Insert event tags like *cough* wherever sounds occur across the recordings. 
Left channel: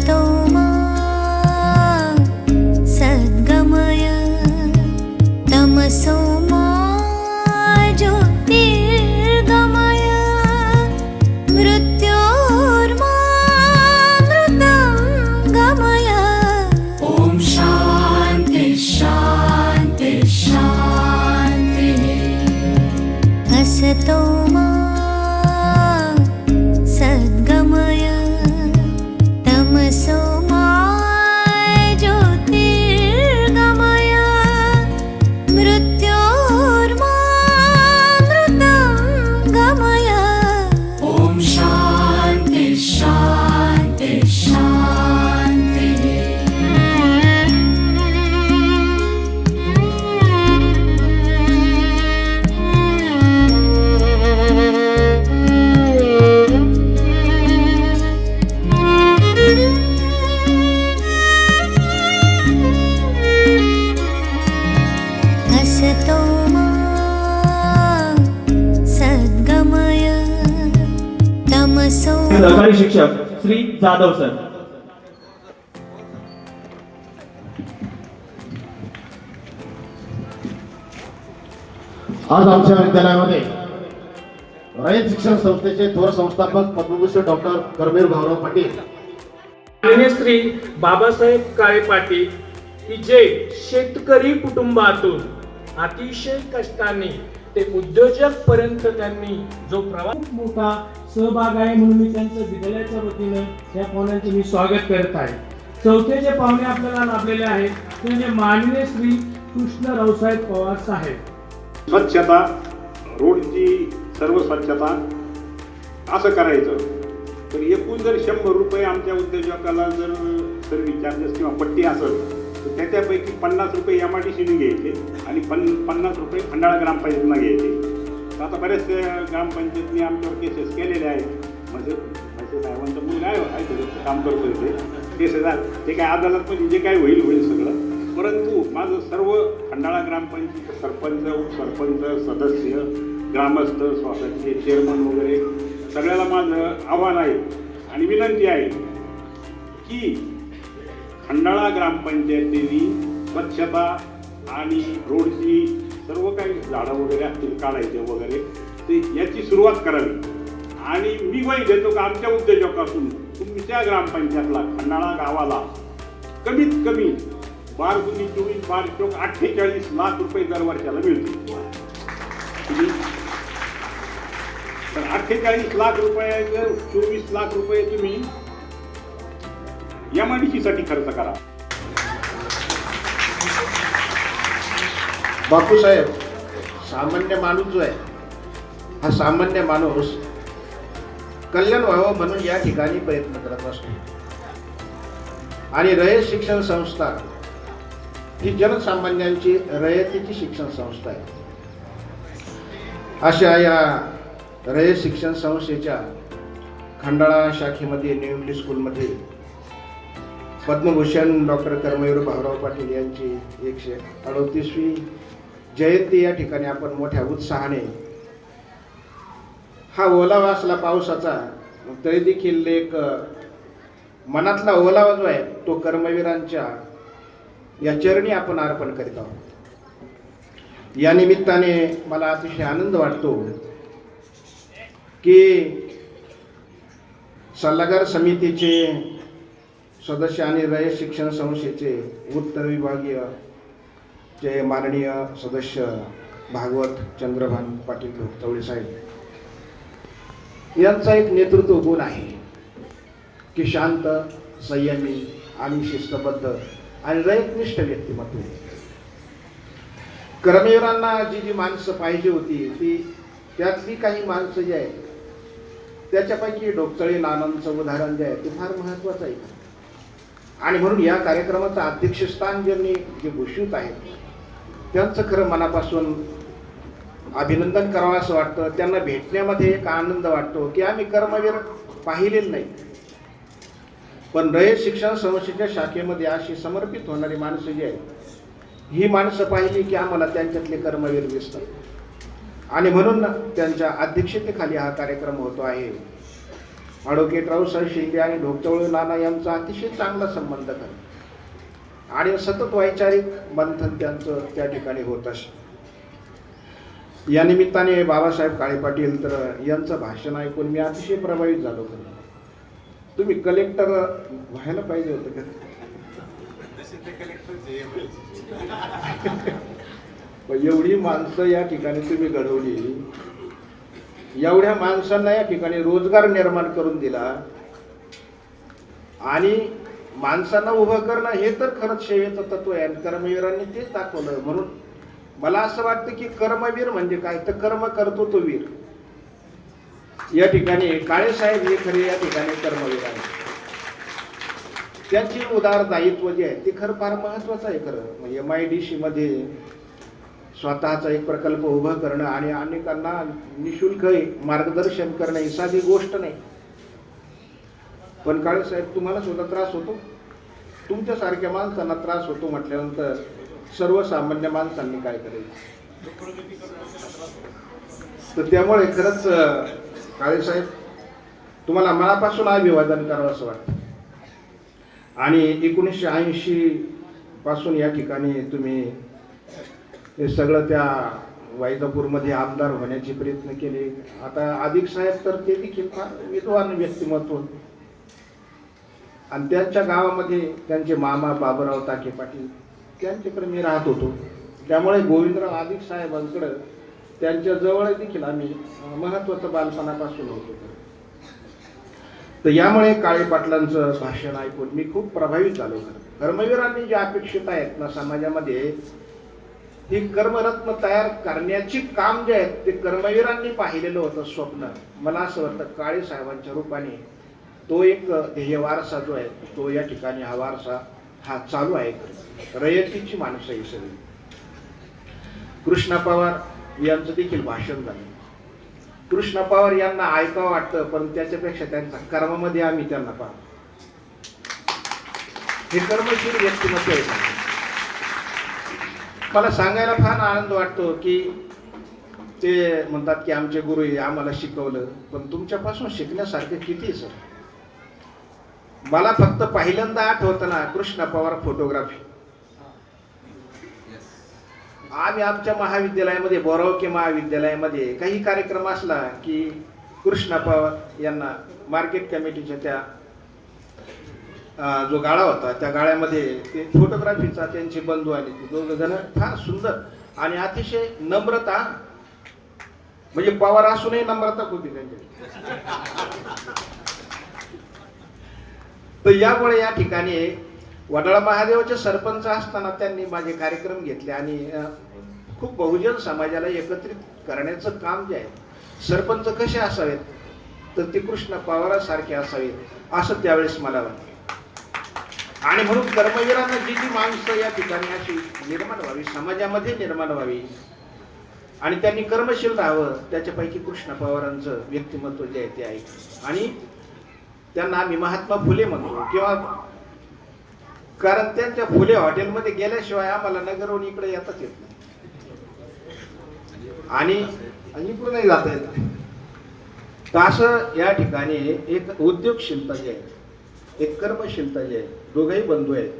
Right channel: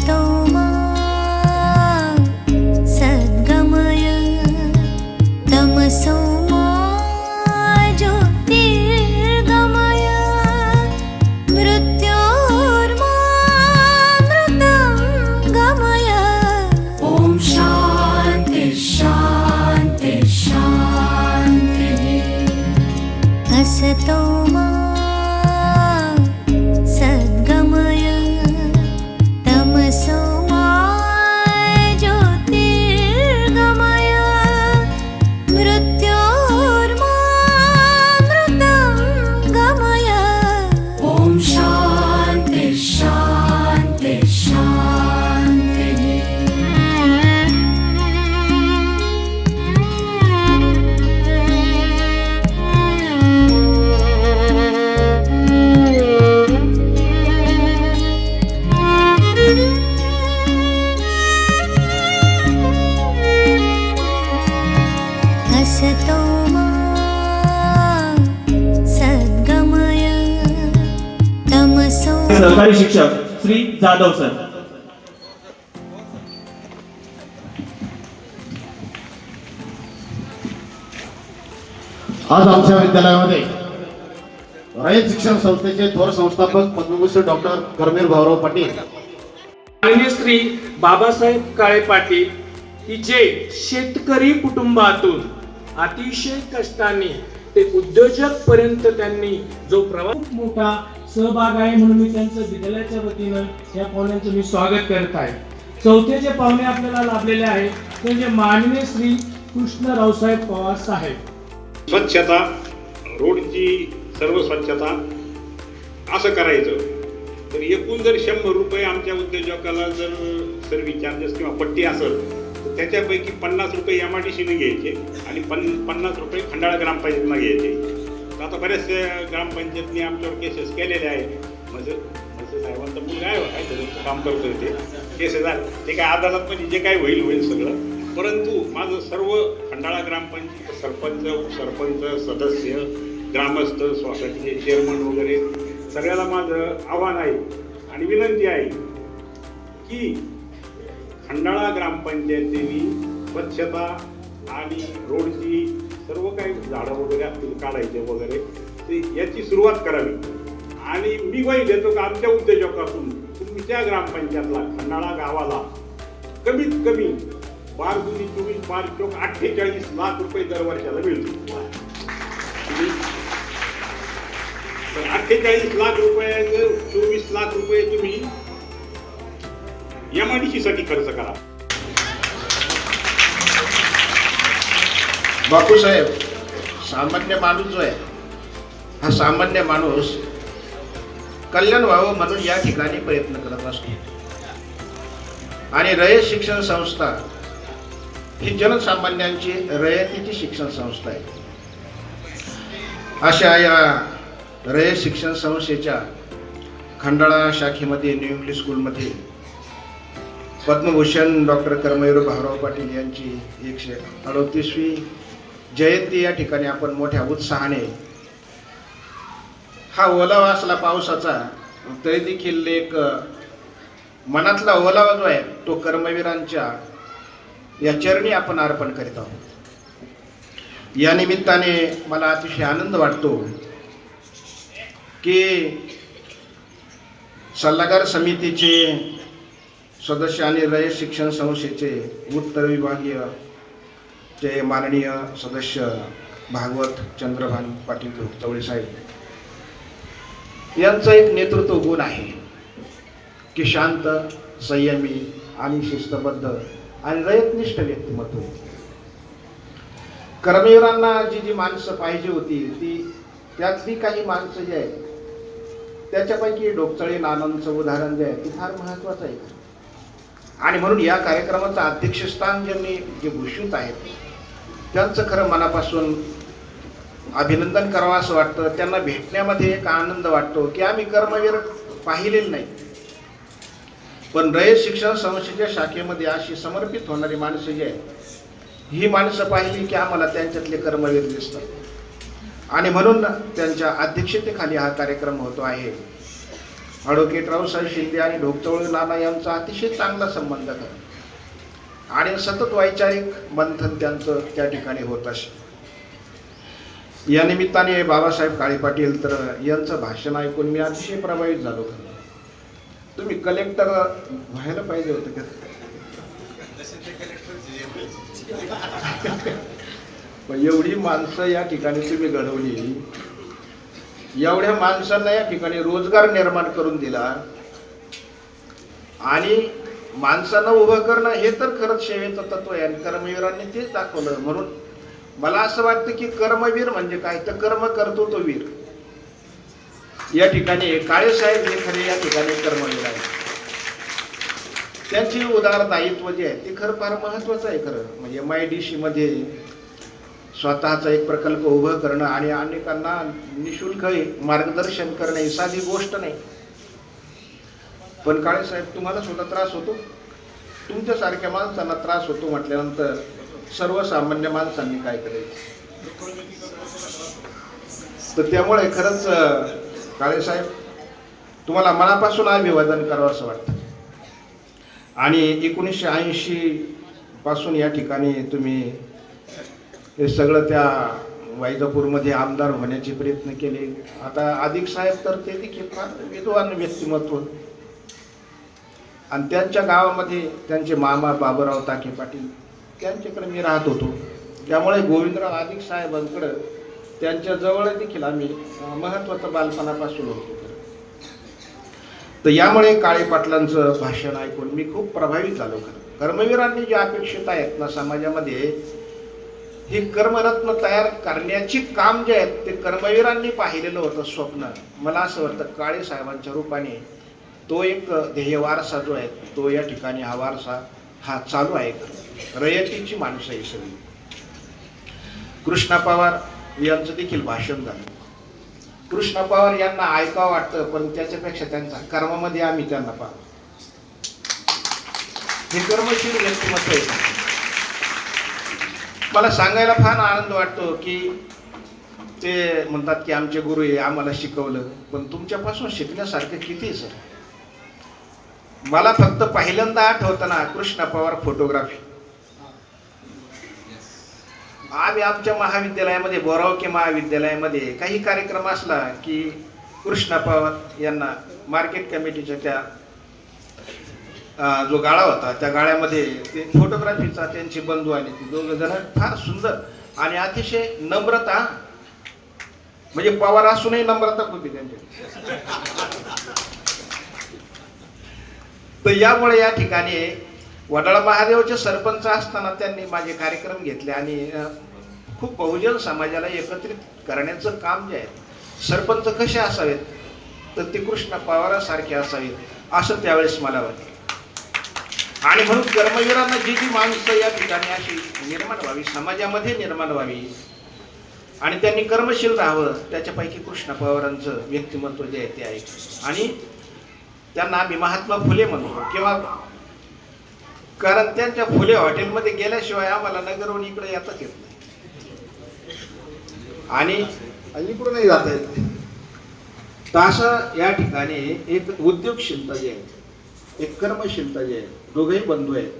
असतो श्री जाधव सर. आज आमच्या विद्यालयामध्ये रयत शिक्षण संस्थेचे थोर संस्थापक पद्मभूषण डॉक्टर करमीर भाऊराव पाटील. श्री बाबासाहेब काळे पाटील की जे शेतकरी कुटुंबातून अतिशय कष्टाने ते उद्योजक पर्यंत त्यांनी जो प्रवास मोठा सहभाग आहे म्हणून मी त्यांचं विद्यालयाच्या वतीनं या पाहुण्यांचं मी स्वागत करत आहे. चौथे जे पाहुणे आपल्याला लाभलेले आहेत ते म्हणजे माननीय श्री कृष्ण रावसाहेब पवार साहेब. स्वच्छता रोडची सर्व स्वच्छता असं करायचं. तर एकूण जर शंभर रुपये आमच्या उद्योजकाला जर सर्व्हिस चार्जेस किंवा पट्टी असेल तर त्याच्यापैकी पन्नास रुपये एम आर टी सीने घ्यायचे आणि पन पन्नास रुपये खंडाळा ग्रामपंचायतीनं घ्यायचे. आता बरेचसे ग्रामपंचायतनी आमच्यावर केसेस केलेले आहेत. म्हणजे म्हणजे साहेबांचं मुलगा आहे काय त्याचं काम करतो ते. केसेस आहे ते काय अदालतमध्ये जे काय होईल होईल सगळं. परंतु माझं सर्व खंडाळा ग्रामपंचायत सरपंच उपसरपंच सदस्य ग्रामस्थ सोसायटीचे चेअरमन वगैरे सगळ्याला माझं आव्हान आहे आणि विनंती आहे की खंडाळा ग्रामपंचायतीने स्वच्छता आणि रोडची झाडं वगैरे असतील काढायचे वगैरे. ते याची सुरुवात करावी. आणि मी ग्वाही देतो का आमच्या उद्योजकातून तुमच्या ग्रामपंचायतला खंडाळा गावाला कमीत कमी बार गुणी चोवीस बार चोक अठ्ठेचाळीस लाख रुपये दर वर्षाला मिळतील. तर अठ्ठेचाळीस लाख रुपये चोवीस लाख रुपये तुम्ही एमआयडीसी साठी खर्च करा. बापूसाहेब सामान्य माणूस जो आहे हा सामान्य माणूस कल्याण व्हावं म्हणून या ठिकाणी प्रयत्न करत असतो. आणि रयत शिक्षण संस्था ही जनसामान्यांची रयतीची शिक्षण संस्था आहे. अशा या रयत शिक्षण संस्थेच्या खंडाळा शाखेमध्ये न्यू इंग्लिश स्कूलमध्ये पद्मभूषण डॉक्टर कर्मवीर भाऊराव पाटील यांची एकशे अडोतीसवी जयंती या ठिकाणी आपण मोठ्या उत्साहाने हा ओलावा असला पावसाचा तरी देखील एक मनातला ओलावा जो आहे तो कर्मवीरांच्या या चरणी आपण अर्पण करीत आहोत. या निमित्ताने मला अतिशय आनंद वाटतो की सल्लागार समितीचे सदस्य आणि रयत शिक्षण संस्थेचे उत्तर विभागीय जे माननीय सदस्य भागवत चंद्रभान पाटील चवळे साहेब यांचा एक नेतृत्व गुण आहे की शांत संयमी आणि शिस्तबद्ध आणि रयतनिष्ठ व्यक्तिमत्व कर्मवीरांना जी जी माणसं पाहिजे होती ती त्यातली काही माणसं जी आहेत त्याच्यापैकी डोकचळे नानांचं उदाहरण जे आहे ते फार महत्वाचं आहे. आणि म्हणून या कार्यक्रमाचं अध्यक्षस्थान ज्यांनी जे भूषित आहेत त्यांचं खरं मनापासून अभिनंदन करावं असं वाटतं. त्यांना भेटण्यामध्ये एक आनंद वाटतो की आम्ही कर्मवीर पाहिलेलं नाही. पण रयत शिक्षण संस्थेच्या शाखेमध्ये अशी समर्पित होणारी माणसं जी आहेत ही माणसं पाहिली की आम्हाला त्यांच्यातले कर्मवीर दिसतात. आणि म्हणून त्यांच्या अध्यक्षतेखाली हा कार्यक्रम होतो आहे. ॲडव्होकेट रावसाहेब शिंदे आणि ढोकचवळ नाना यांचा अतिशय चांगला संबंध करा आणि सतत वैचारिक मंथन त्यांचं त्या ठिकाणी होत असे. या निमित्ताने बाबासाहेब काळे पाटील तर यांचं भाषण ऐकून मी अतिशय प्रभावित झालो होतो. तुम्ही कलेक्टर व्हायला पाहिजे होतं का? *laughs* एवढी माणसं या ठिकाणी तुम्ही घडवली. एवढ्या माणसांना या ठिकाणी रोजगार निर्माण करून दिला. आणि माणसानं उभं करणं हे तर खरंच सेवेचं तत्व आहे. आणि कर्मवीरांनी तेच दाखवलं. म्हणून मला असं वाटतं की कर्मवीर म्हणजे काय? तर कर्म करतो तो वीर. या ठिकाणी काळे साहेब हे खरे या ठिकाणी कर्मवीर आहे त्यांची उदार दायित्व जे आहे ते खरं फार महत्वाचं आहे खरं. म्हणजे एम आय डी सी मध्ये स्वतःचा एक प्रकल्प उभं करणं आणि अनेकांना निशुल्क मार्गदर्शन करणं ही साधी गोष्ट नाही. पण काळे साहेब तुम्हाला सुद्धा त्रास होतो? तुमच्यासारख्या माणसांना त्रास होतो म्हटल्यानंतर सर्वसामान्य माणसांनी काय करायचं? तर त्यामुळे खरंच काळेसाहेब काळे साहेब तुम्हाला मनापासून अभिवादन करावं असं वाटतं. आणि एकोणीसशे ऐंशी पासून या ठिकाणी तुम्ही हे सगळं त्या वैजापूरमध्ये आमदार होण्याचे प्रयत्न केले. आता अधिक साहेब तर ते देखील फार विद्वान व्यक्तिमत्व आणि त्यांच्या गावामध्ये त्यांचे मामा बाबूराव ताके पाटील त्यांच्याकडे मी राहत होतो. त्यामुळे गोविंदराव आदिक साहेबांकडं त्यांच्या जवळ देखील आम्ही महत्त्वाचं बालपणापासून होतो. तर यामुळे काळे पाटलांचं भाषण ऐकून मी खूप प्रभावित झालो. कर्मवीरांनी जे अपेक्षित आहेत ना समाजामध्ये हे कर्मरत्न तयार करण्याची काम जे आहेत ते कर्मवीरांनी पाहिलेलं होतं स्वप्न. मला असं वाटतं काळे साहेबांच्या रूपाने तो एक ध्येय वारसा जो आहे तो या ठिकाणी हा वारसा हा चालू आहे. रयतीची माणसं ही सगळी. कृष्णा पवार यांचं देखील भाषण झालं. कृष्णा पवार यांना ऐकावं वाटतं पण त्याच्यापेक्षा त्यांचा कर्मामध्ये आम्ही त्यांना पाहतो. हे कर्मशील व्यक्तिमत्व आहे. मला सांगायला फार आनंद वाटतो की ते म्हणतात की आमचे गुरु हे आम्हाला शिकवलं पण तुमच्यापासून शिकण्यासारखं किती आहे, सर? मला फक्त पहिल्यांदा आठवताना ना कृष्ण पवार फोटोग्राफी आम्ही आमच्या महाविद्यालयामध्ये बोरावके महाविद्यालयामध्ये काही कार्यक्रम असला की कृष्ण पवार यांना मार्केट कमिटीच्या त्या जो गाळा होता त्या गाळ्यामध्ये ते फोटोग्राफीचा त्यांचे बंधू आले ते दोघ जण फार सुंदर आणि अतिशय नम्रता म्हणजे पवार असूनही नम्रता खूप आहे त्यांच्याकडे. तर यामुळे या ठिकाणी वडाळा महादेवचे सरपंच असताना त्यांनी माझे कार्यक्रम घेतले आणि खूप बहुजन समाजाला एकत्रित करण्याचं काम जे आहे सरपंच कसे असावेत? तर ते कृष्ण पवारासारखे असावेत असं त्यावेळेस मला वाटते आणि म्हणून कर्मवीरांना जी जी माणसं या ठिकाणी अशी निर्माण व्हावी समाजामध्ये निर्माण व्हावी आणि त्यांनी कर्मशील राहावं त्याच्यापैकी कृष्ण पवारांचं व्यक्तिमत्व जे आहे ते आहे. आणि त्यांना आम्ही महात्मा फुले म्हणतो. किंवा कारण त्यांच्या फुले हॉटेलमध्ये गेल्याशिवाय आम्हाला नगरहून इकडे येताच येत नाही. आणि इकडूनही जाता येत. नाही तर असं या ठिकाणी एक उद्योगशीलता जी आहे एक कर्मशीलता जी आहे दोघेही बंधू आहेत.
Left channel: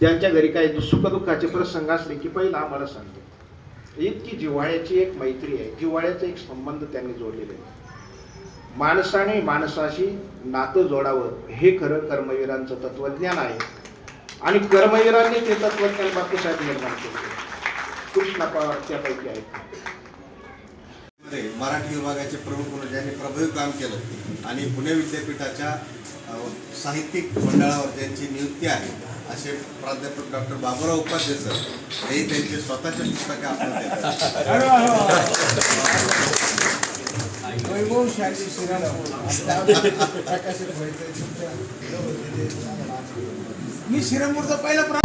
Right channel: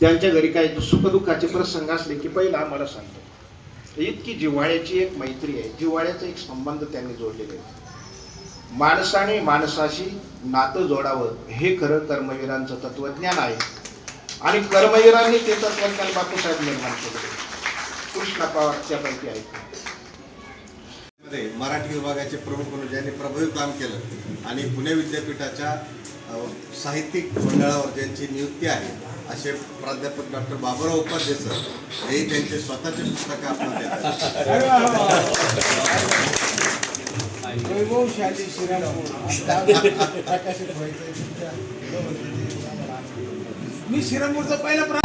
त्यांच्या घरी काही सुखदुःखाचे प्रसंग असले की पहिला आम्हाला सांगतो इतकी जिव्हाळ्याची एक मैत्री आहे. जिव्हाळ्याचा एक संबंध त्यांनी जोडलेले आहे माणसाने माणसाशी नातं जोडावं हे खरं कर्मवीरांचं तत्वज्ञान आहे. आणि कर्मवीरांनी ते तत्वज्ञान बापूसाहेब निर्माण केलं. कृष्ण पवार त्यापैकी आहेत. मध्ये मराठी विभागाचे प्रमुख म्हणून ज्यांनी प्रभावी काम केलं आणि पुणे विद्यापीठाच्या साहित्यिक मंडळावर ज्यांची नियुक्ती आहे असे प्राध्यापक डॉक्टर बाबुराव उपाध्ये सर हे त्यांचे स्वतःचे पुस्तक आपल्याला वैभवशाली श्रीरामपूर व्हायचं मी श्रीरामपूरचा पहिला